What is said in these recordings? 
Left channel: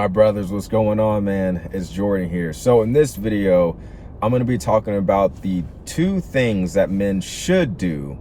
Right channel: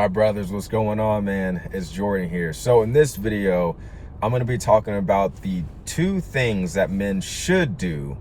My brothers, what's going on, man? It's Jordan here. So in this video, I'm going to be talking about the 2 things that men should do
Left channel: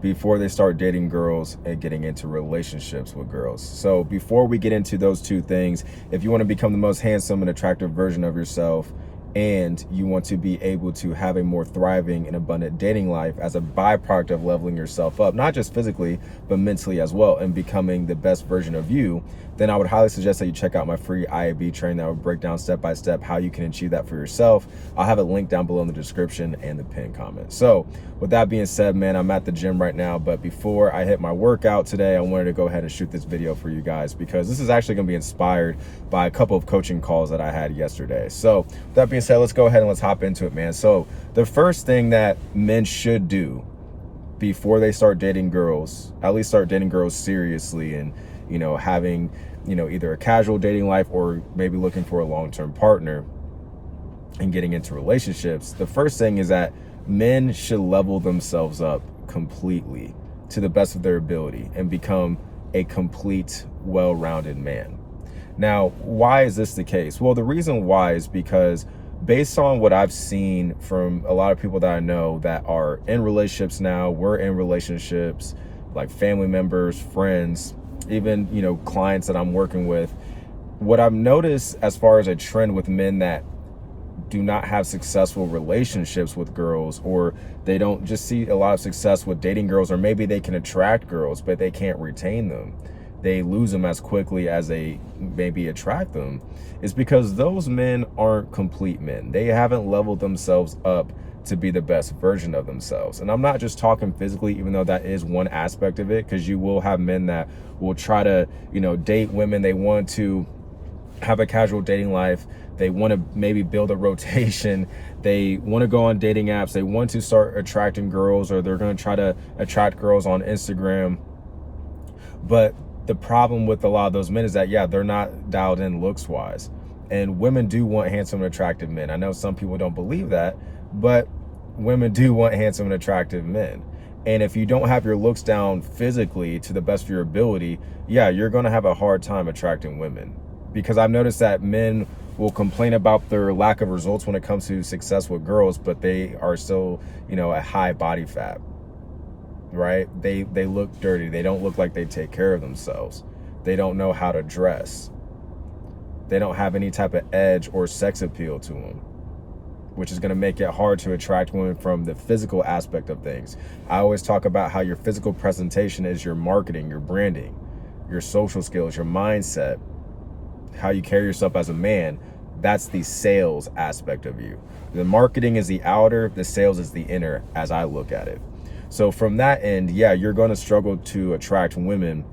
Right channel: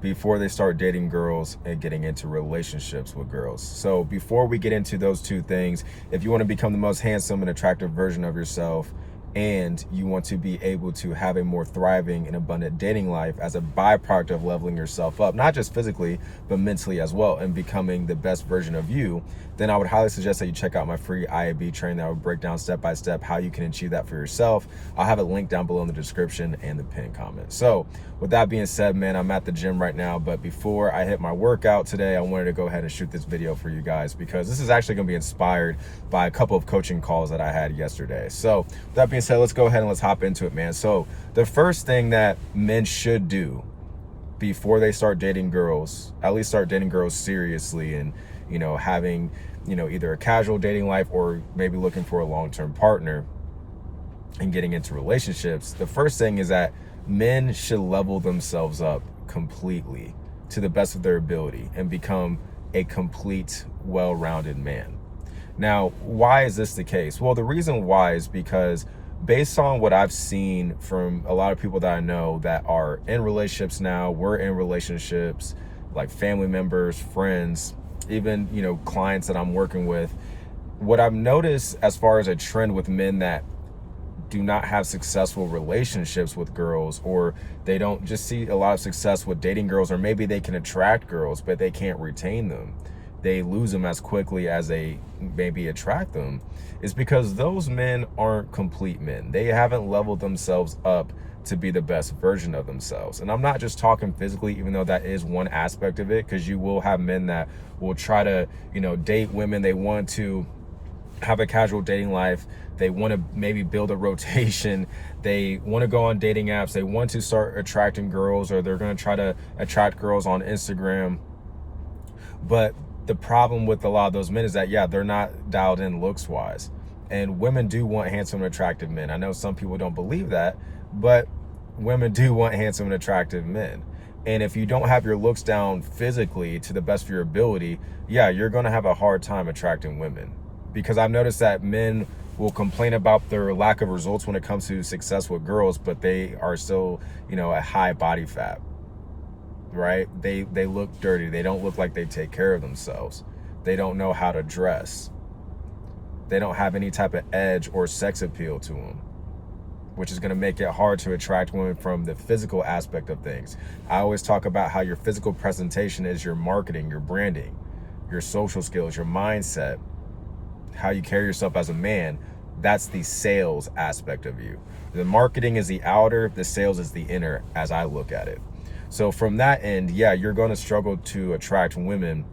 before they start dating girls and getting into relationships with girls. So before we get into those 2 things, if you want to become the most handsome and attractive version of yourself, and you want to be able to have a more thriving and abundant dating life as a byproduct of leveling yourself up, not just physically, but mentally as well, and becoming the best version of you, then I would highly suggest that you check out my free IAB training that will break down step-by-step how you can achieve that for yourself. I'll have a link down below in the description and the pinned comment. So with that being said, man, I'm at the gym right now, but before I hit my workout today, I wanted to go ahead and shoot this video for you guys because this is actually going to be inspired by a couple of coaching calls that I had yesterday. So with that being said, let's go ahead and let's hop into it, man. So the first thing that men should do before they start dating girls, at least start dating girls seriously and, you know, having, you know, either a casual dating life or maybe looking for a long-term partner and getting into relationships, the first thing is that men should level themselves up completely to the best of their ability and become a complete, well-rounded man. Now, why is this the case? Well, the reason why is because based on what I've seen from a lot of people that I know that are in relationships now, we're in relationships, like family members, friends, even, you know, clients that I'm working with, what I've noticed as far as a trend with men that do not have successful relationships with girls, or they don't just see a lot of success with dating girls, or maybe they can attract girls, but they can't retain them. They lose them as quickly as they maybe attract them, is because those men aren't complete men. They haven't leveled themselves up to be the best version of themselves. And I'm not just talking physically, even though that is one aspect of it, because you will have men that will try to, you know, date women. They want to have a casual dating life. They want to maybe build a rotation. They want to go on dating apps. They want to start attracting girls, or they're going to try to attract girls on Instagram. But the problem with a lot of those men is that, yeah, they're not dialed in looks wise. And women do want handsome and attractive men. I know some people don't believe that, but women do want handsome and attractive men. And if you don't have your looks down physically to the best of your ability, yeah, you're going to have a hard time attracting women. Because I've noticed that men will complain about their lack of results when it comes to success with girls, but they are still, you know, at high body fat, right? They look dirty. They don't look like they take care of themselves. They don't know how to dress. They don't have any type of edge or sex appeal to them, which is going to make it hard to attract women from the physical aspect of things. I always talk about how your physical presentation is your marketing, your branding, your social skills, your mindset, how you carry yourself as a man. That's the sales aspect of you. The marketing is the outer, the sales is the inner, as I look at it. So from that end, yeah, you're going to struggle to attract women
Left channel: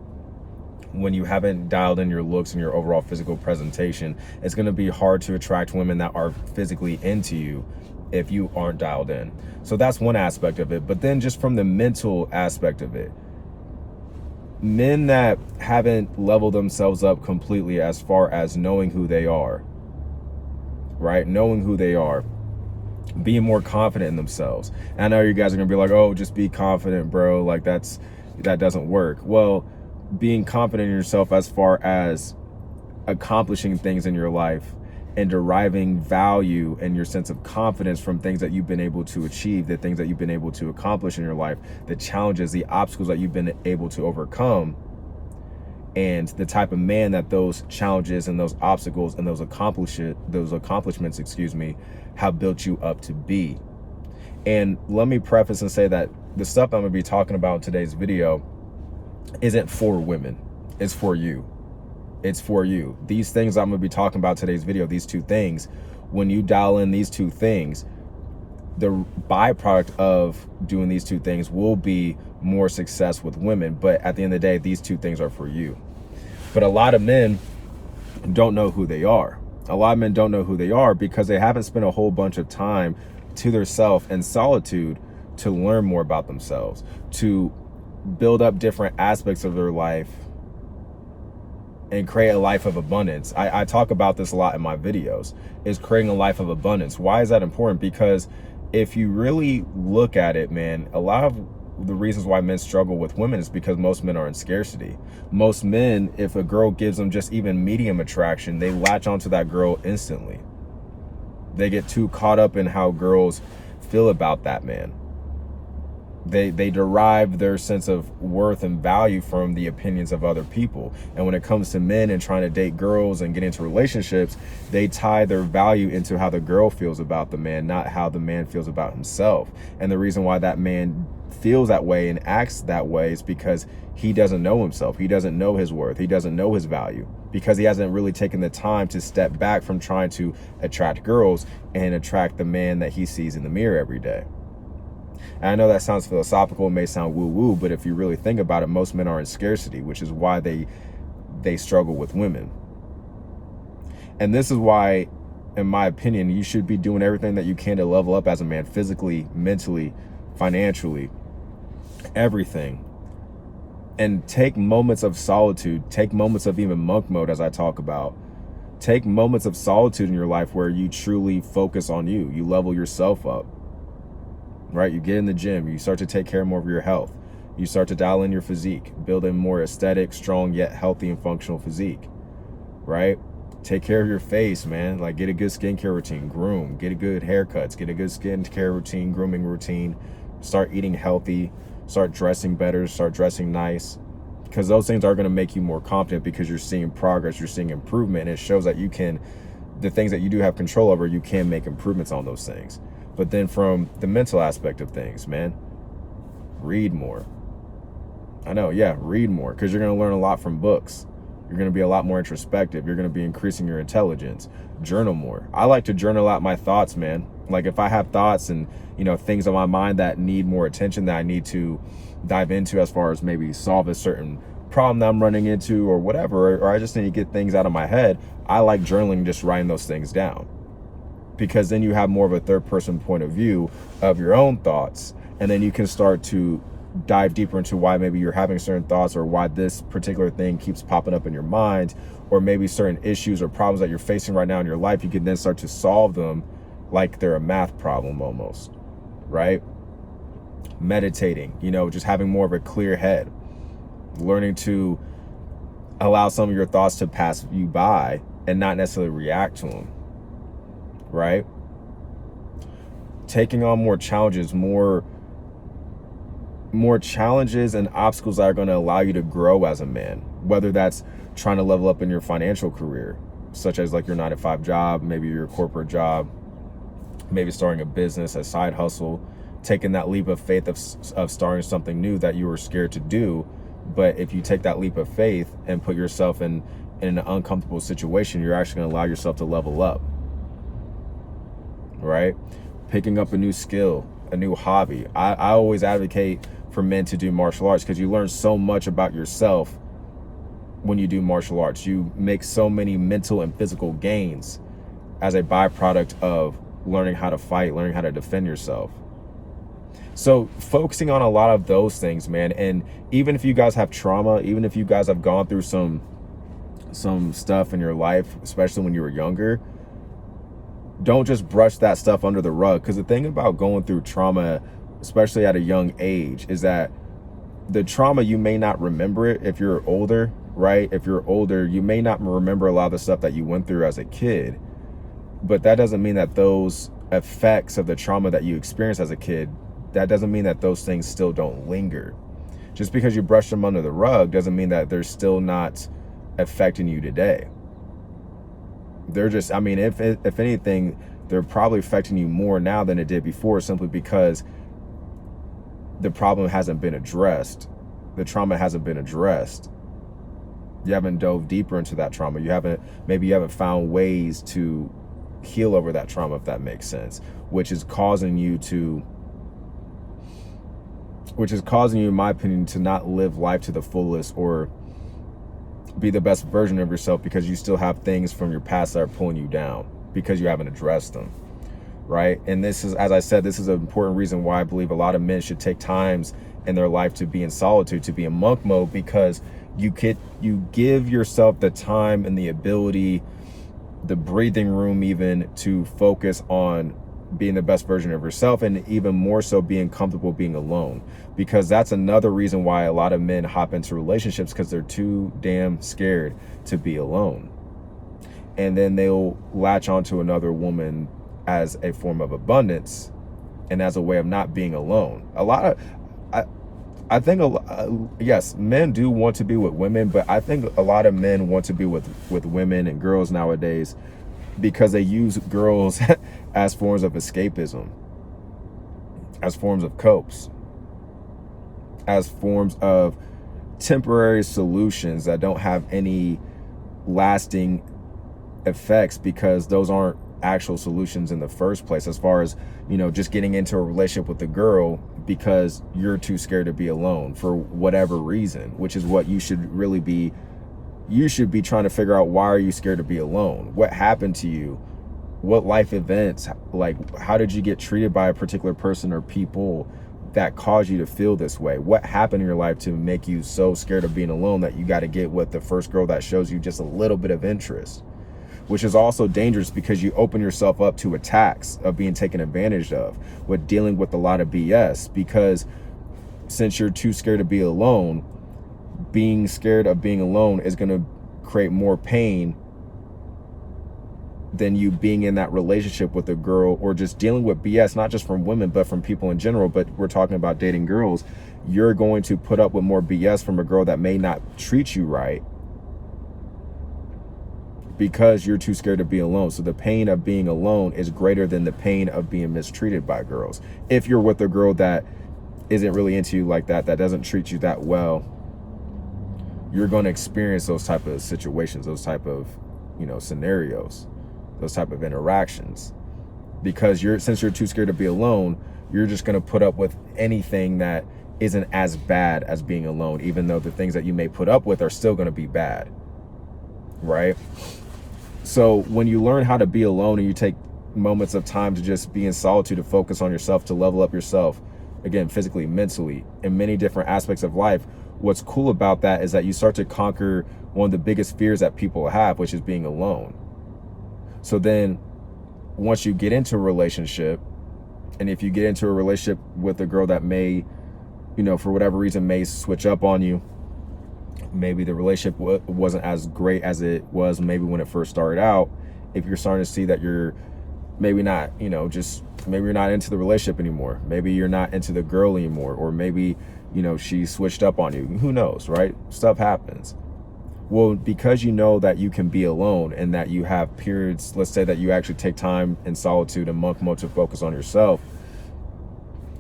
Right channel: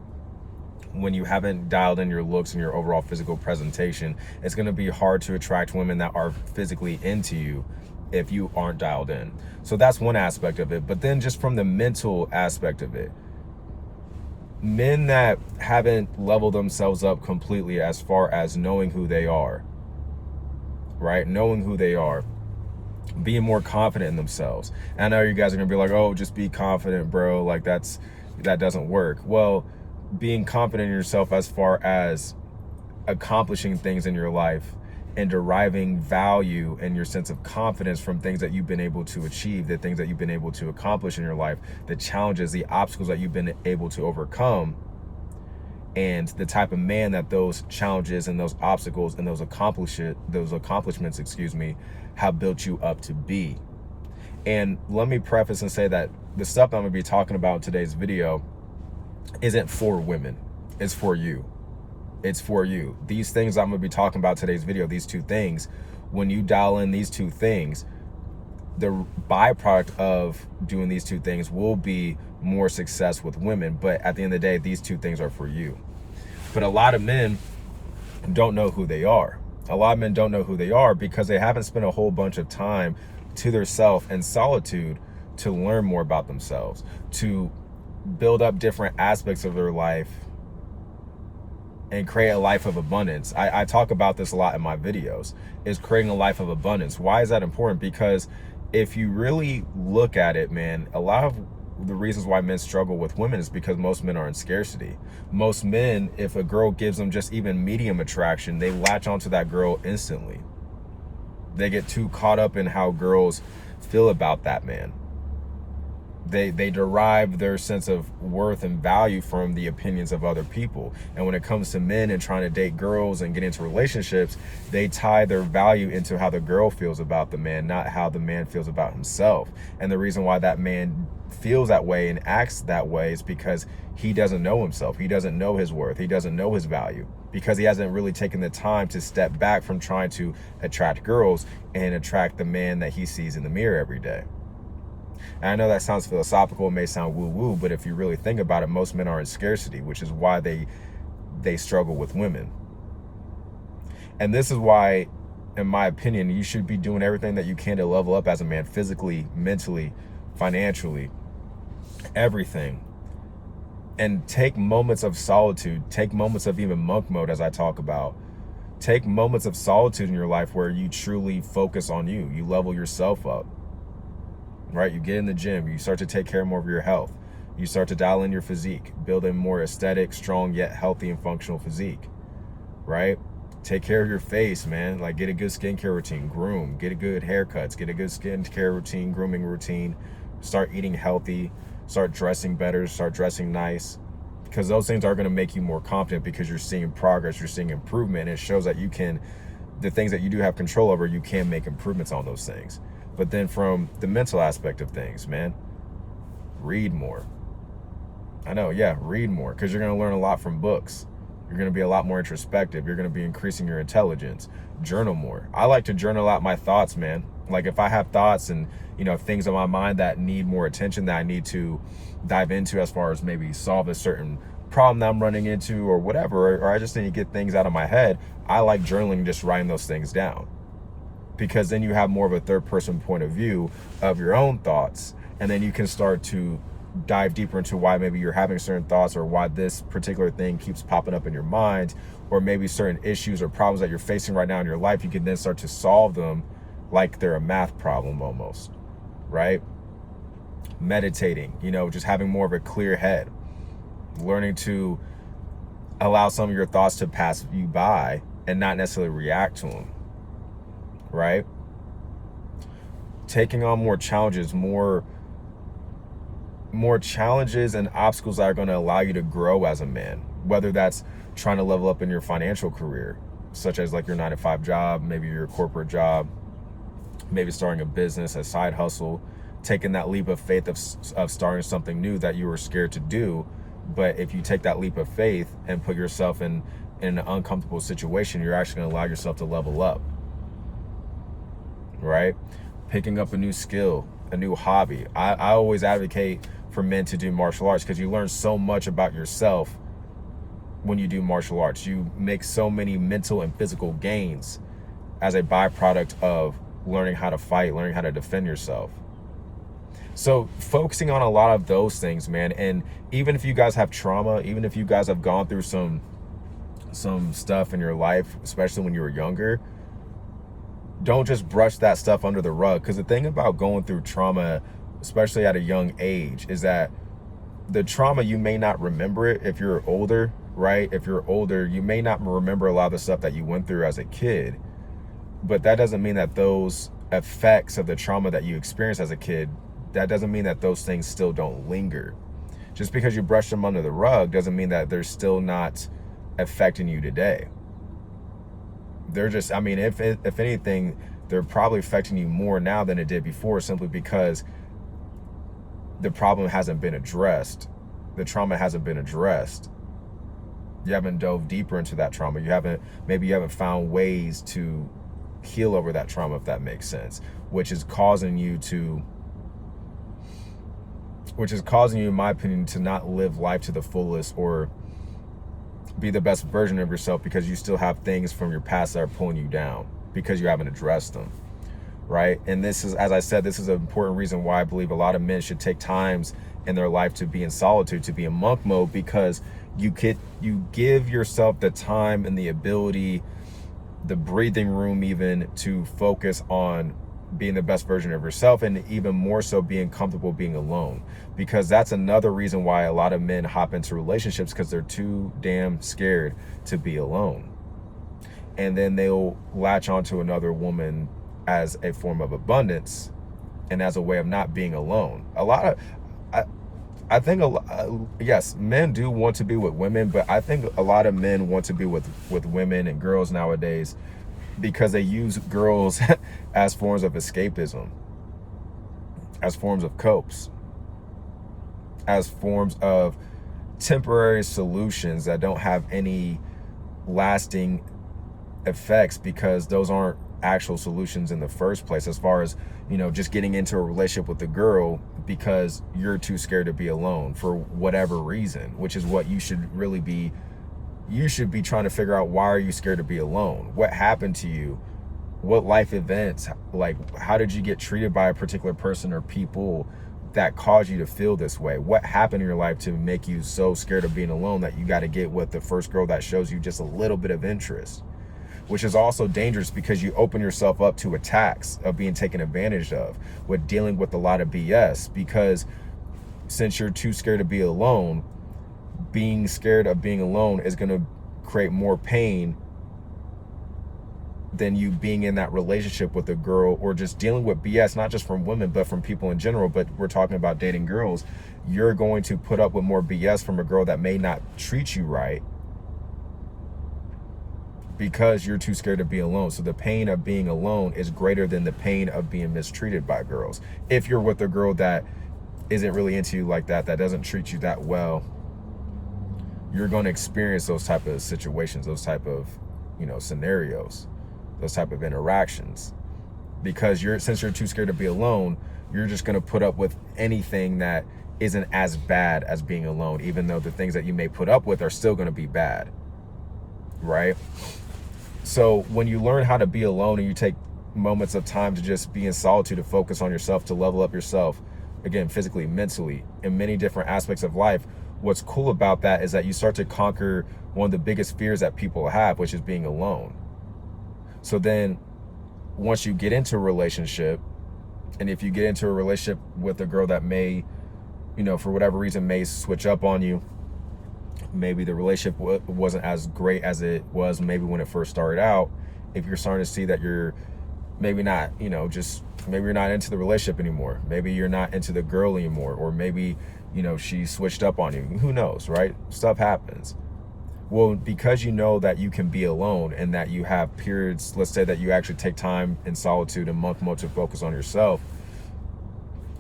when you haven't dialed in your looks and your overall physical presentation. It's going to be hard to attract women that are physically into you if you aren't dialed in. So that's one aspect of it. But then just from the mental aspect of it, men that haven't leveled themselves up completely as far as knowing who they are, right? Knowing who they are, being more confident in themselves. And I know you guys are going to be like, oh, just be confident, bro. Like that doesn't work. Well, being confident in yourself as far as accomplishing things in your life and deriving value and your sense of confidence from things that you've been able to achieve, the things that you've been able to accomplish in your life, the challenges, the obstacles that you've been able to overcome, and the type of man that those challenges and those obstacles and those accomplishments, have built you up to be. And let me preface and say that the stuff I'm going to be talking about in today's video isn't for women. It's for you. It's for you. These things I'm going to be talking about today's video, these 2 things, when you dial in these 2 things, the byproduct of doing these 2 things will be more success with women. But at the end of the day, these 2 things are for you. But a lot of men don't know who they are. A lot of men don't know who they are because they haven't spent a whole bunch of time to themselves in solitude to learn more about themselves, to build up different aspects of their life and create a life of abundance. I talk about this a lot in my videos, is creating a life of abundance. Why is that important? Because if you really look at it, man, a lot of the reasons why men struggle with women is because most men are in scarcity. Most men, if a girl gives them just even medium attraction, they latch onto that girl instantly. They get too caught up in how girls feel about that man. They derive their sense of worth and value from the opinions of other people. And when it comes to men and trying to date girls and get into relationships, they tie their value into how the girl feels about the man, not how the man feels about himself. And the reason why that man feels that way and acts that way is because he doesn't know himself. He doesn't know his worth. He doesn't know his value, because he hasn't really taken the time to step back from trying to attract girls and attract the man that he sees in the mirror every day. And I know that sounds philosophical, it may sound woo-woo, but if you really think about it, most men are in scarcity, which is why they struggle with women. And this is why, in my opinion, you should be doing everything that you can to level up as a man, physically, mentally, financially, everything. And take moments of solitude, take moments of even monk mode, as I talk about. Take moments of solitude in your life where you truly focus on you. You level yourself up. Right? You get in the gym, you start to take care more of your health. You start to dial in your physique, build a more aesthetic, strong, yet healthy and functional physique, right? Take care of your face, man. Like, get a good skincare routine, groom, get a good haircuts, get a good skincare routine, grooming routine, start eating healthy, start dressing better, start dressing nice, because those things are going to make you more confident, because you're seeing progress, you're seeing improvement, and it shows that you can, the things that you do have control over, you can make improvements on those things. But then from the mental aspect of things, man, read more. I know, yeah, read more, because you're going to learn a lot from books. You're going to be a lot more introspective. You're going to be increasing your intelligence. Journal more. I like to journal out my thoughts, man. Like, if I have thoughts and, you know, things on my mind that need more attention, that I need to dive into, as far as maybe solve a certain problem that I'm running into or whatever, or I just need to get things out of my head, I like journaling, just writing those things down. Because then you have more of a third person point of view of your own thoughts, and then you can start to dive deeper into why maybe you're having certain thoughts, or why this particular thing keeps popping up in your mind, or maybe certain issues or problems that you're facing right now in your life. You can then start to solve them like they're a math problem almost, right? Meditating, you know, just having more of a clear head, learning to allow some of your thoughts to pass you by and not necessarily react to them. Right? Taking on more challenges, more challenges and obstacles that are going to allow you to grow as a man, whether that's trying to level up in your financial career, such as like your 9-to-5 job, maybe your corporate job, maybe starting a business, a side hustle, taking that leap of faith of starting something new that you were scared to do. But if you take that leap of faith and put yourself in an uncomfortable situation, you're actually going to allow yourself to level up. Right? Picking up a new skill, a new hobby. I always advocate for men to do martial arts, because you learn so much about yourself when you do martial arts. You make so many mental and physical gains as a byproduct of learning how to fight, learning how to defend yourself. So focusing on a lot of those things, man. And even if you guys have trauma, even if you guys have gone through some stuff in your life, especially when you were younger, don't just brush that stuff under the rug. Because the thing about going through trauma, especially at a young age, is that the trauma, you may not remember it if you're older, right? If you're older, you may not remember a lot of the stuff that you went through as a kid. But that doesn't mean that those effects of the trauma that you experienced as a kid, that doesn't mean that those things still don't linger. Just because you brush them under the rug doesn't mean that they're still not affecting you today. They're just, I mean, if anything, they're probably affecting you more now than it did before, simply because the problem hasn't been addressed. The trauma hasn't been addressed. You haven't dove deeper into that trauma. Maybe you haven't found ways to heal over that trauma, if that makes sense, which is causing you, in my opinion, to not live life to the fullest or be the best version of yourself, because you still have things from your past that are pulling you down because you haven't addressed them, right? And this is, as I said, this is an important reason why I believe a lot of men should take times in their life to be in solitude, to be in monk mode, because you give yourself the time and the ability, the breathing room even, to focus on being the best version of yourself, and even more so being comfortable being alone. Because that's another reason why a lot of men hop into relationships, because they're too damn scared to be alone. And then they'll latch onto another woman as a form of abundance and as a way of not being alone. I think yes, men do want to be with women, but I think a lot of men want to be with women and girls nowadays because they use girls as forms of escapism, as forms of copes, as forms of temporary solutions that don't have any lasting effects, because those aren't actual solutions in the first place, as far as, you know, just getting into a relationship with the girl because you're too scared to be alone for whatever reason, which is what you should really be. You should be trying to figure out, why are you scared to be alone? What happened to you? What life events, like, how did you get treated by a particular person or people that caused you to feel this way? What happened in your life to make you so scared of being alone that you got to get with the first girl that shows you just a little bit of interest? Which is also dangerous, because you open yourself up to attacks of being taken advantage of with dealing with a lot of BS. Because since you're too scared to be alone, being scared of being alone is going to create more pain than you being in that relationship with a girl, or just dealing with BS, not just from women, but from people in general. But we're talking about dating girls. You're going to put up with more BS from a girl that may not treat you right, because you're too scared to be alone. So the pain of being alone is greater than the pain of being mistreated by girls. If you're with a girl that isn't really into you like that, that doesn't treat you that well, you're going to experience those type of situations, those type of, you know, scenarios, those type of interactions. Because since you're too scared to be alone, you're just going to put up with anything that isn't as bad as being alone, even though the things that you may put up with are still going to be bad, right? So when you learn how to be alone, and you take moments of time to just be in solitude, to focus on yourself, to level up yourself, again, physically, mentally, in many different aspects of life, what's cool about that is that you start to conquer one of the biggest fears that people have, which is being alone. So then once you get into a relationship, and if you get into a relationship with a girl that may, you know, for whatever reason may switch up on you, maybe the relationship wasn't as great as it was maybe when it first started out. If you're starting to see that you're maybe not, you know, just maybe you're not into the relationship anymore, maybe you're not into the girl anymore, or maybe, you know, she switched up on you, who knows, right? Stuff happens. Well, because you know that you can be alone, and that you have periods, let's say that you actually take time in solitude and monk mode to focus on yourself.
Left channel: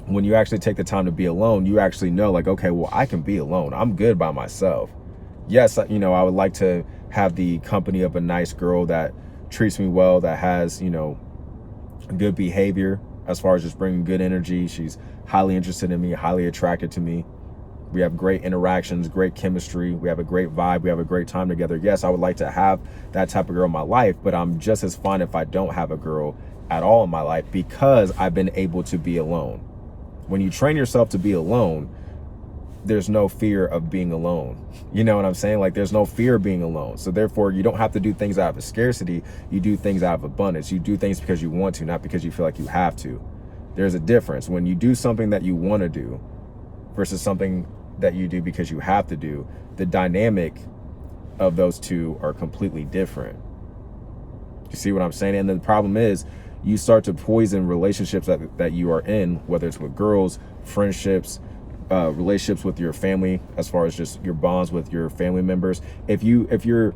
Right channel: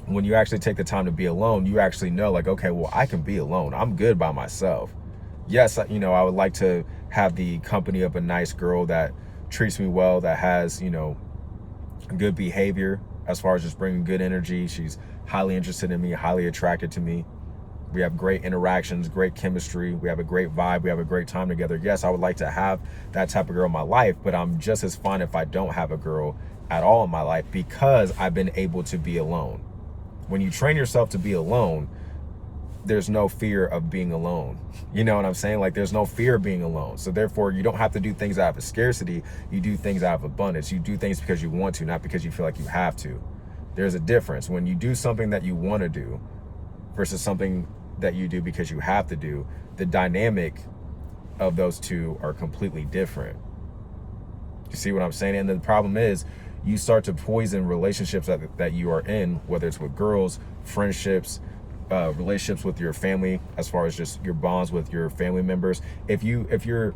When you actually take the time to be alone, you actually know, like, okay, well, I can be alone. I'm good by myself. Yes, you know, I would like to have the company of a nice girl that treats me well, that has, you know, good behavior as far as just bringing good energy. She's highly interested in me, highly attracted to me. We have great interactions, great chemistry. We have a great vibe. We have a great time together. Yes, I would like to have that type of girl in my life, but I'm just as fine if I don't have a girl at all in my life, because I've been able to be alone. When you train yourself to be alone, there's no fear of being alone. You know what I'm saying? Like, there's no fear of being alone. So therefore, you don't have to do things out of scarcity. You do things out of abundance. You do things because you want to, not because you feel like you have to. There's a difference. When you do something that you want to do versus something that you do because you have to do, the dynamic of those two are completely different. You see what I'm saying? And the problem is, you start to poison relationships that you are in, whether it's with girls, friendships, relationships with your family, as far as just your bonds with your family members. If you're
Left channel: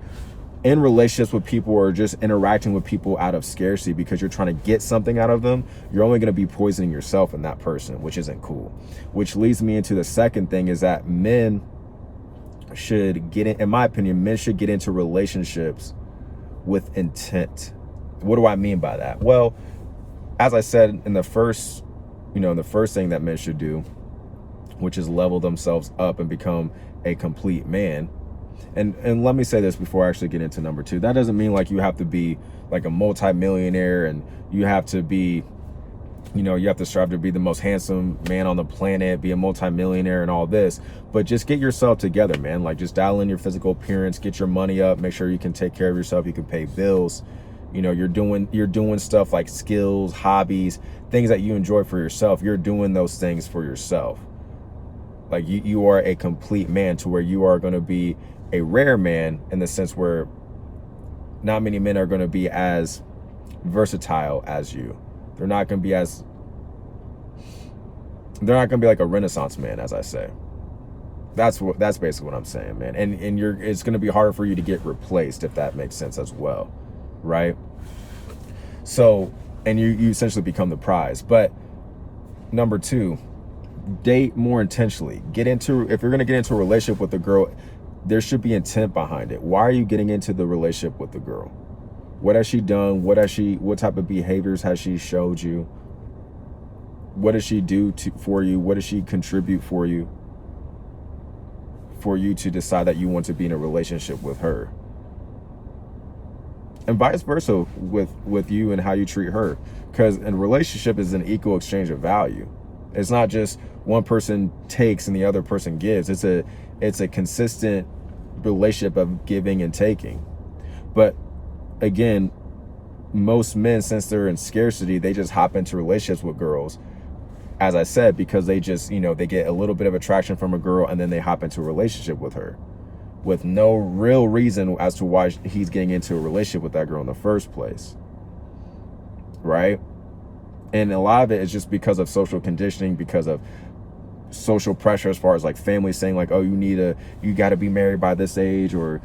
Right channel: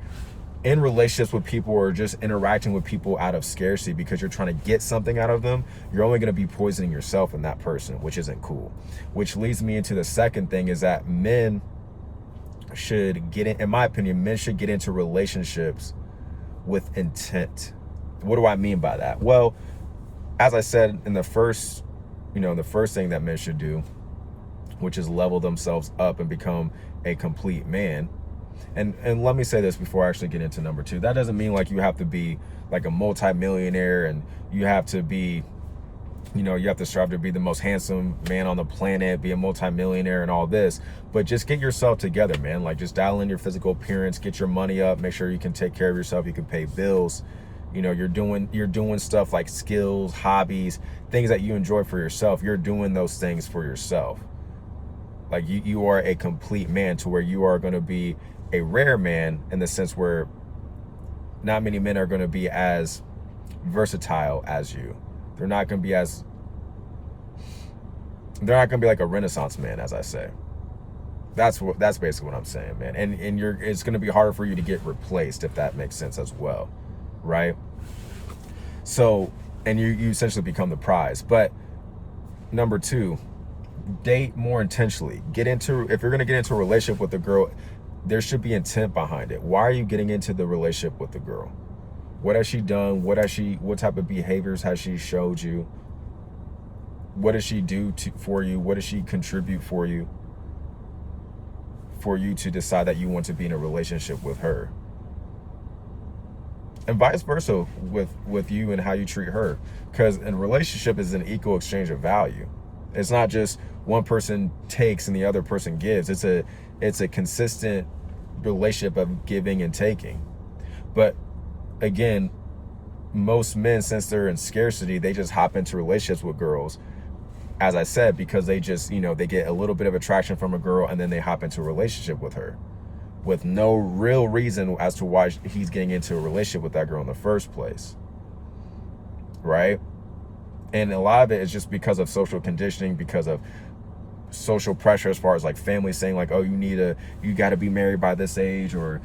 in relationships with people, or just interacting with people out of scarcity because you're trying to get something out of them, you're only going to be poisoning yourself and that person, which isn't cool. Which leads me into the second thing, is that men should in my opinion, men should get into relationships with intent. What do I mean by that? Well, as I said in the first thing that men should do, which is level themselves up and become a complete man. And let me say this before I actually get into number two. That doesn't mean like you have to be like a multi-millionaire, and you have to be, you have to strive to be the most handsome man on the planet, be a multi-millionaire and all this. But just get yourself together, man. Like, just dial in your physical appearance, get your money up, make sure you can take care of yourself, you can pay bills, You know, you're doing stuff like skills, hobbies, things that you enjoy for yourself. You're doing those things for yourself. Like you are a complete man, to where you are going to be a rare man, in the sense where not many men are going to be as versatile as you. They're not going to be like a Renaissance man, as I say. That's basically what I'm saying, man. And it's going to be harder for you to get replaced, if that makes sense as well, right? So, and you essentially become the prize. But number 2, date more intentionally. If you're going to get into a relationship with a girl, there should be intent behind it. Why are you getting into the relationship with the girl? What has she done? What type of behaviors has she showed you? What does she do for you? What does she contribute for you to decide that you want to be in a relationship with her? And vice versa with you and how you treat her. Because a relationship is an equal exchange of value. It's not just one person takes and the other person gives. It's a consistent relationship of giving and taking. But again, most men, since they're in scarcity, they just hop into relationships with girls, as I said, because they just, they get a little bit of attraction from a girl and then they hop into a relationship with her with no real reason as to why he's getting into a relationship with that girl in the first place, right? And a lot of it is just because of social conditioning, because of social pressure, as far as like family saying like, oh, you got to be married by this age, or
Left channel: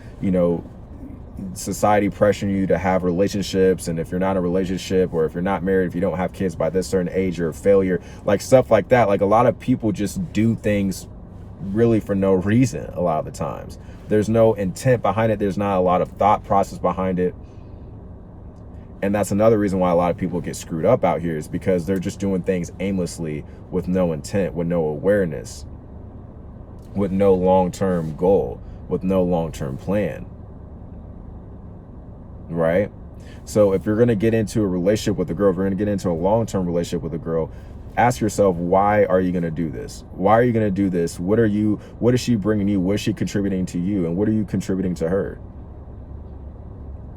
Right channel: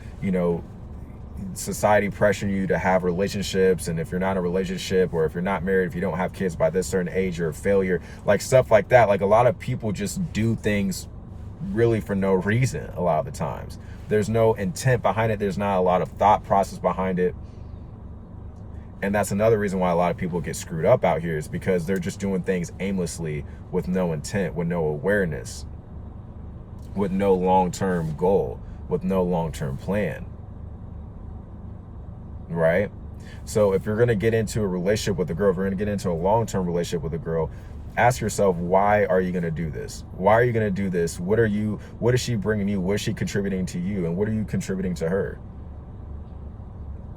society pressuring you to have relationships, and if you're not in a relationship, or if you're not married, if you don't have kids by this certain age, you're a failure, like stuff like that. Like a lot of people just do things really for no reason. A lot of the times there's no intent behind it. There's not a lot of thought process behind it. And that's another reason why a lot of people get screwed up out here, is because they're just doing things aimlessly, with no intent, with no awareness, with no long-term goal, with no long-term plan, right? So if you're going to get into a relationship with a girl, if you're going to get into a long-term relationship with a girl, ask yourself, why are you going to do this? Why are you going to do this? What is she bringing you? What is she contributing to you? And what are you contributing to her?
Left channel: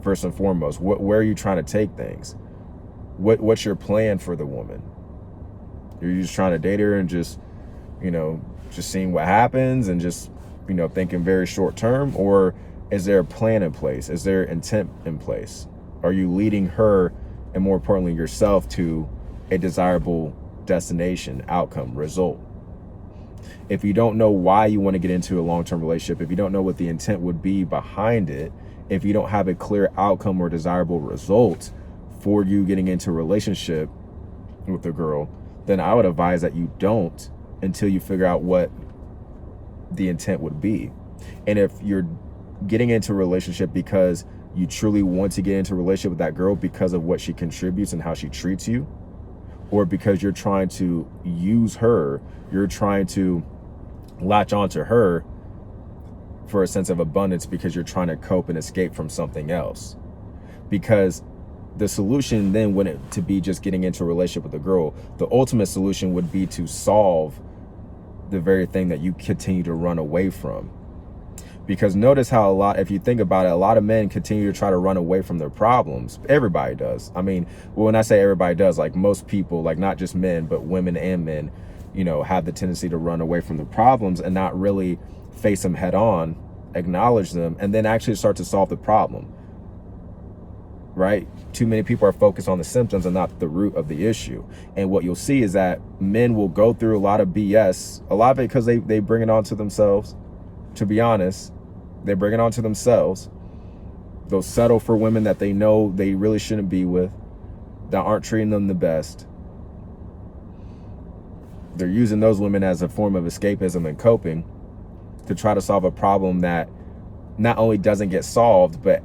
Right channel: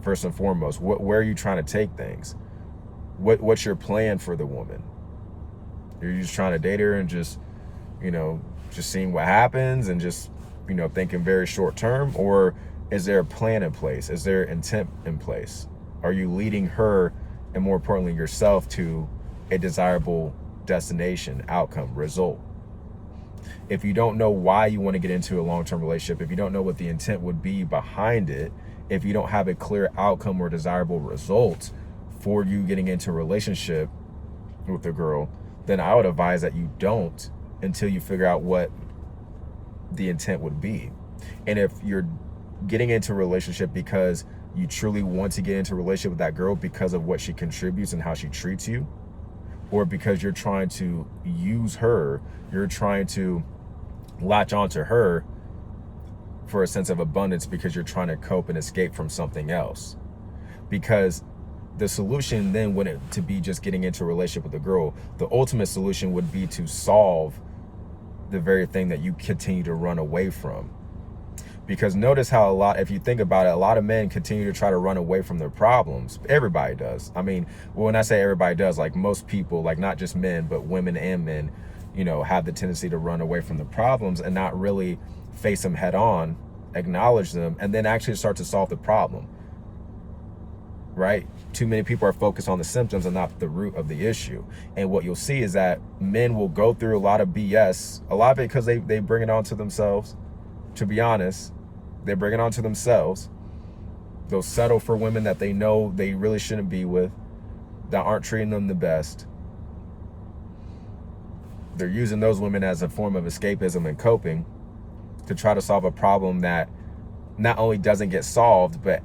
First and foremost, where are you trying to take things? What's your plan for the woman? Are you just trying to date her and just seeing what happens and just, thinking very short term? Or is there a plan in place? Is there intent in place? Are you leading her, and more importantly yourself, to a desirable destination, outcome, result? If you don't know why you want to get into a long-term relationship, if you don't know what the intent would be behind it, if you don't have a clear outcome or desirable result for you getting into a relationship with a girl, then I would advise that you don't, until you figure out what the intent would be. And if you're getting into a relationship because you truly want to get into a relationship with that girl because of what she contributes and how she treats you, or because you're trying to use her, you're trying to latch onto her for a sense of abundance because you're trying to cope and escape from something else. Because the solution then wouldn't to be just getting into a relationship with a girl. The ultimate solution would be to solve the very thing that you continue to run away from. Because notice how if you think about it, a lot of men continue to try to run away from their problems. Everybody does. I mean, when I say everybody does, like most people, like not just men, but women and men, have the tendency to run away from the problems and not really face them head on, acknowledge them, and then actually start to solve the problem, right? Too many people are focused on the symptoms and not the root of the issue. And what you'll see is that men will go through a lot of BS, a lot of it because they bring it on to themselves. To be honest, they bring it on to themselves. They'll settle for women that they know they really shouldn't be with, that aren't treating them the best. They're using those women as a form of escapism and coping to try to solve a problem that not only doesn't get solved, but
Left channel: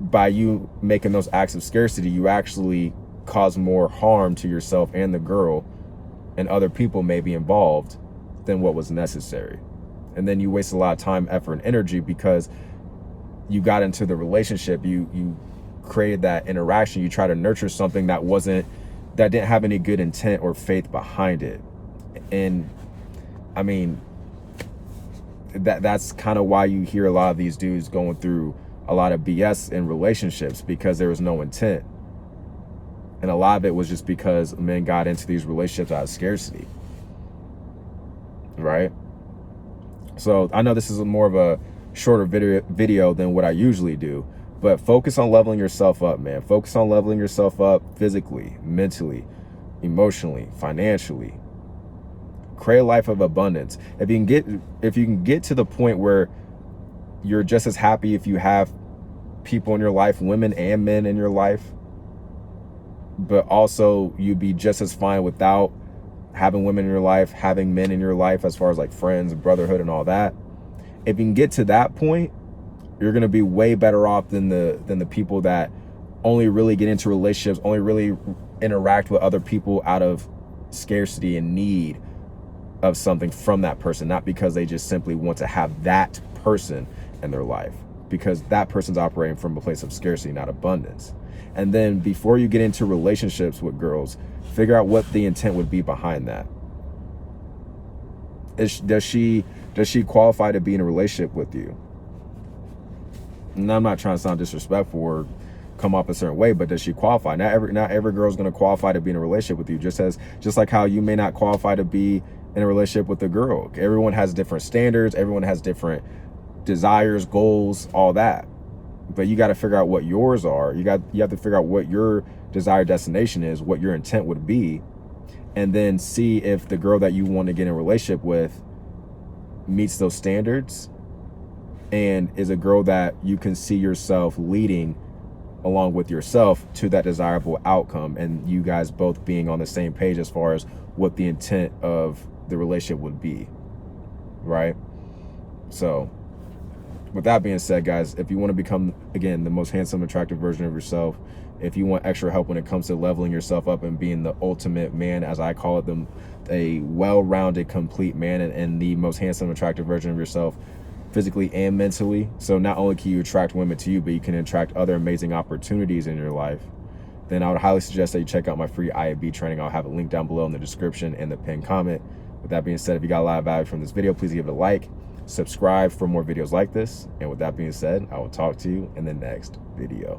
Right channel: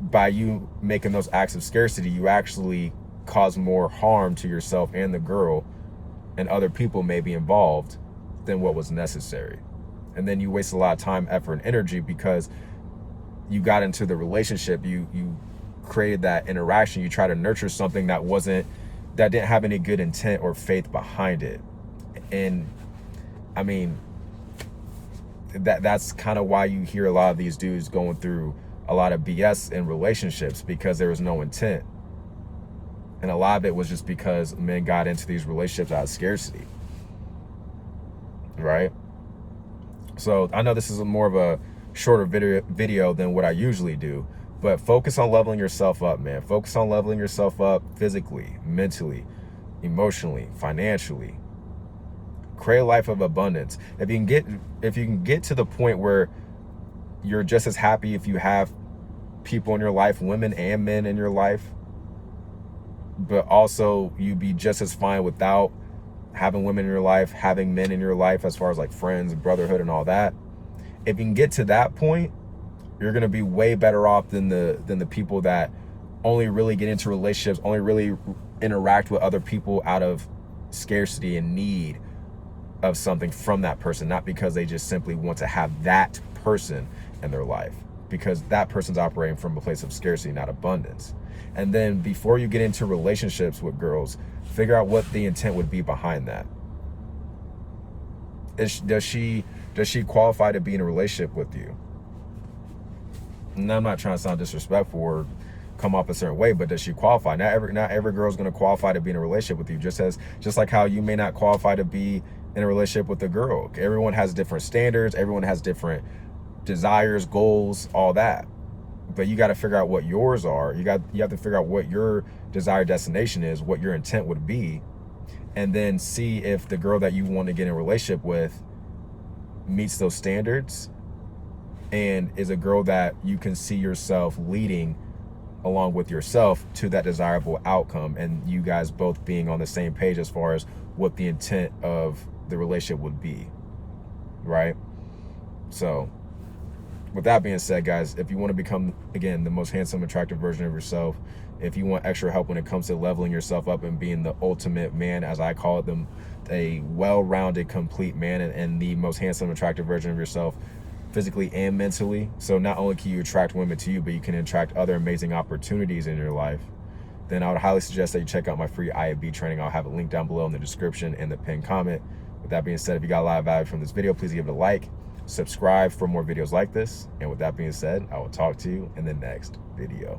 by you making those acts of scarcity, you actually cause more harm to yourself and the girl, and other people may be involved, than what was necessary. And then you waste a lot of time, effort, and energy because you got into the relationship, you created that interaction, you try to nurture something that didn't have any good intent or faith behind it. And I mean, that's kind of why you hear a lot of these dudes going through a lot of BS in relationships because there was no intent. And a lot of it was just because men got into these relationships out of scarcity, right? So I know this is more of a shorter video than what I usually do, but focus on leveling yourself up, man. Focus on leveling yourself up physically, mentally, emotionally, financially. Create a life of abundance. If you can get to the point where you're just as happy if you have people in your life, women and men in your life, but also you'd be just as fine without having women in your life, having men in your life, as far as like friends and brotherhood and all that. If you can get to that point, you're gonna be way better off than the people that only really get into relationships, only really interact with other people out of scarcity and need of something from that person, not because they just simply want to have that person in their life, because that person's operating from a place of scarcity, not abundance. And then before you get into relationships with girls, figure out what the intent would be behind that. Does she qualify to be in a relationship with you? And I'm not trying to sound disrespectful or come off a certain way, but does she qualify? Not every girl's going to qualify to be in a relationship with you, just like how you may not qualify to be in a relationship with a girl. Everyone has different standards, everyone has different desires, goals, all that. But you got to figure out what yours are. You have to figure out what your desired destination is, what your intent would be, and then see if the girl that you want to get in a relationship with meets those standards and is a girl that you can see yourself leading along with yourself to that desirable outcome, and you guys both being on the same page as far as what the intent of the relationship would be, right? So with that being said, guys, if you want to become, again, the most handsome, attractive version of yourself, if you want extra help when it comes to leveling yourself up and being the ultimate man, as I call it, a well-rounded, complete man, and the most handsome, attractive version of yourself, physically and mentally. So not only can you attract women to you, but you can attract other amazing opportunities in your life, then I would highly suggest that you check out my free IAB training. I'll have a link down below in the description and the pinned comment. With that being said, if you got a lot of value from this video, please give it a like, subscribe for more videos like this. And with that being said, I will talk to you in the next video.